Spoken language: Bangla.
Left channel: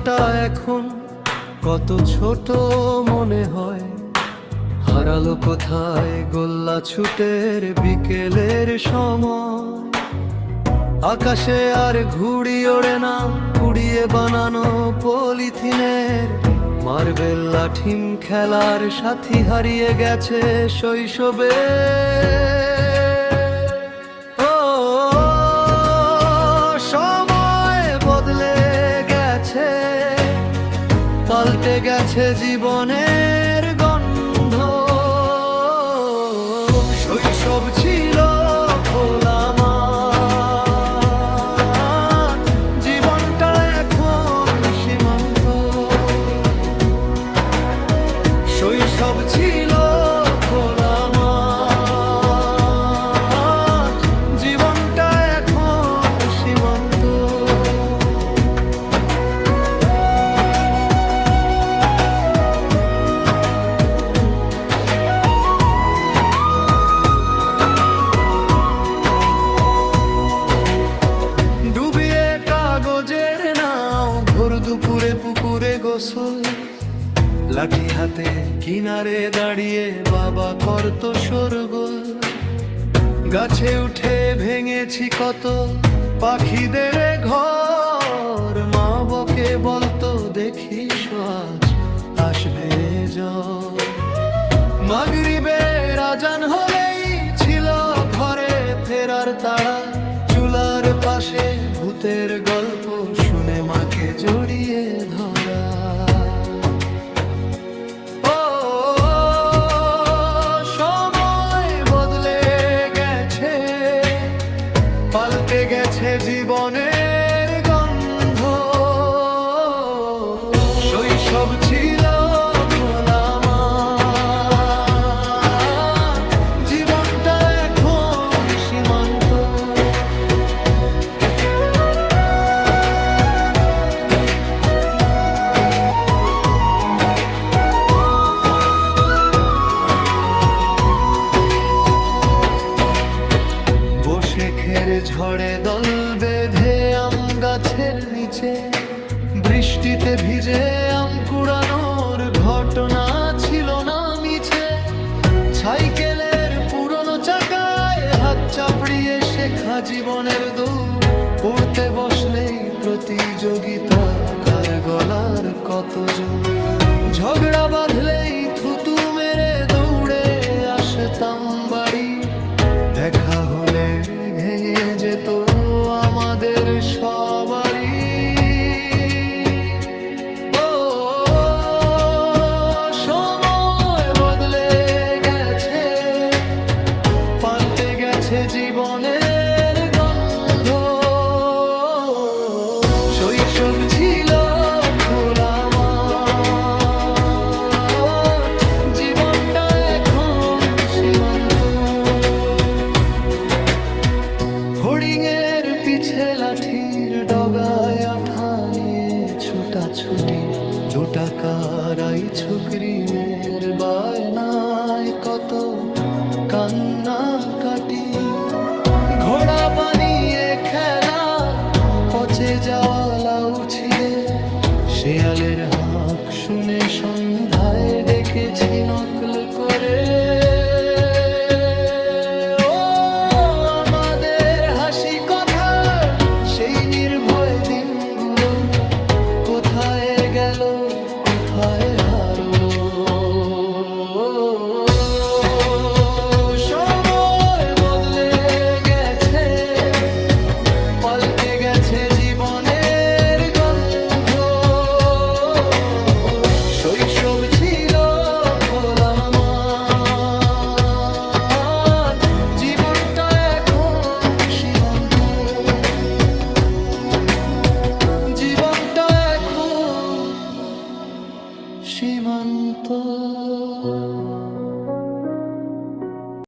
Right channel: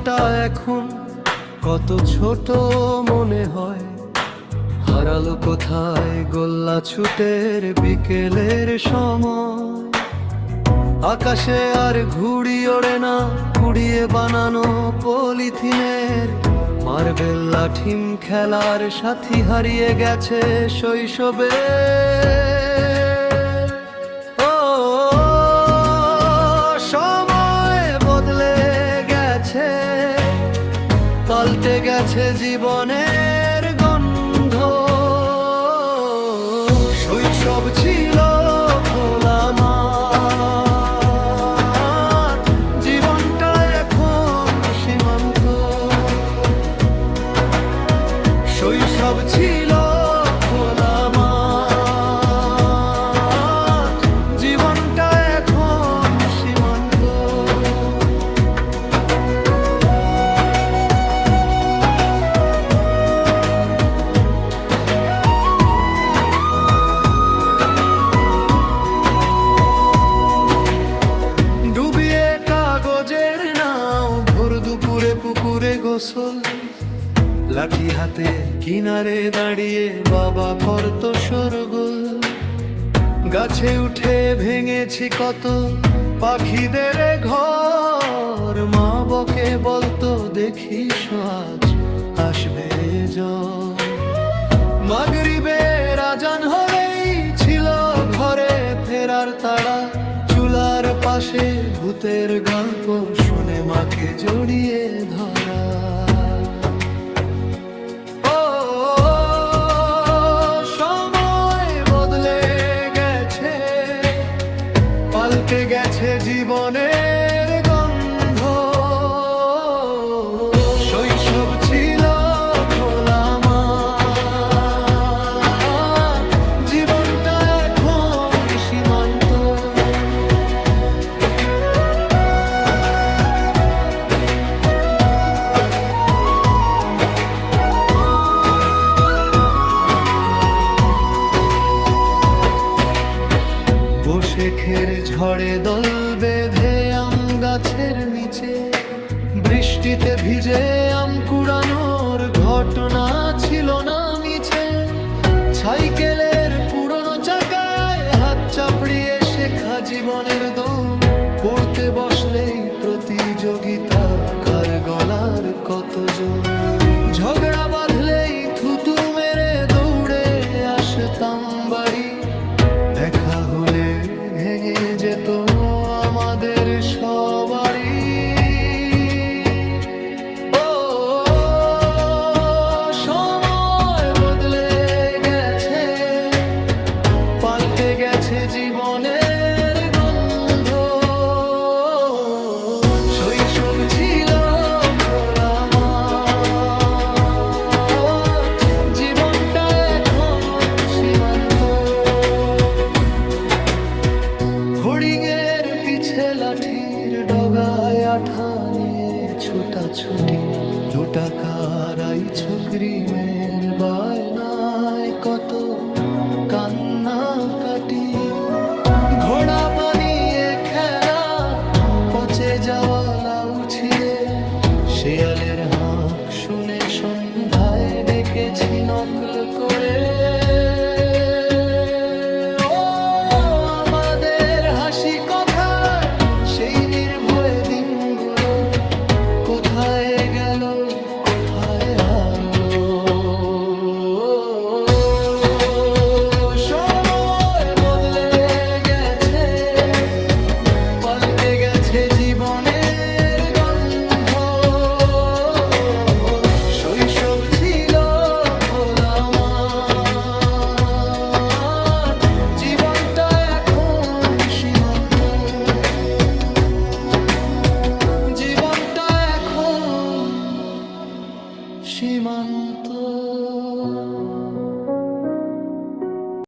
জীবনটা এখন কত ছোট মনে হয়। হারালো কোথায় গোল্লা ছুটের বিকেলের সময়। আকাশে আর ঘুড়ি ওড়ে না, কুড়িয়ে বানানো পলিথিনের। মার্বেল লাঠিম খেলার সাথী হারিয়ে গেছে শৈশবে। ও সময় বদলে গেছে, পাল্টে গেছে জীবনের গন্ধ। শৈশব ছিল খোলা মাঠ, জীবনটা এখন সীমান্ত। শৈশব ছিল খোলা মাঠ, জীবনটা এখন সীমান্ত। ডুবিয়ে কাগজের নাও, ভোর দুপুরে পুকুরে গোসল। লাঠি হাতে কিনারে দাঁড়িয়ে বাবা করত শোরগোল। গাছে উঠে ভেঙেছি কত পাখিদের ঘর। মা বকে বলতো দেখিস আজ আসবে ঝড়। মাগরিবের আজান হলেই ছিল ঘরে ফেরার তাড়া। চুলার পাশে ভূতের গল্প শুনে মাকে জড়িয়ে ধরা। ও সময় বদলে গেছে, পাল্টে গেছে জীবনের গন্ধ। শৈশব ছিল খোলা মাঠ, জীবনটা এখন সীমান্ত। বসে খের ঝড়ে দল বেঁধে আম গাছের নিচে। বৃষ্টিতে ভিজে আম কুড়ানোর ঘটনা ছিল না মিছে। সাইকেলের পুরনো চাকায় হাত চাপড়িয়ে শেখা জীবনের দৌড়। পড়তে বসলেই প্রতিযোগিতা, কার গলার কত জোর। ঝগড়া বাঁধলেই থুতু মেরে দৌড়ে আসতাম বাড়ি। দেখা হলে ভেঙে যেত আমাদের সবারই। ও সময় বদলে গেছে, পাল্টে গেছে জীবনের গন্ধ। শৈশব ছিল খোলা মাঠ, জীবনটা এখন সীমান্ত। হরিণের পিছে লাঠির ডগায় আঠা নিয়ে ছুটাছুটি। 2 টাকার আইছক্রিমের বায়নায় কত কান্না কাটি। ঘোড়া বানিয়ে খেলা, পচে যাওয়া লাউ ছিঁড়ে। শেয়ালের হাঁক শুনে সন্ধ্যায় ডেকেছি নকল করে। হাসি কথা সেই নির্ভয় দিনগুলো কোথায় গেল, কোথায় হারলো। সময় বদলে গেছে, পাল্টে গেছে জীবনের গন্ধ। শৈশব ছিল খোলা।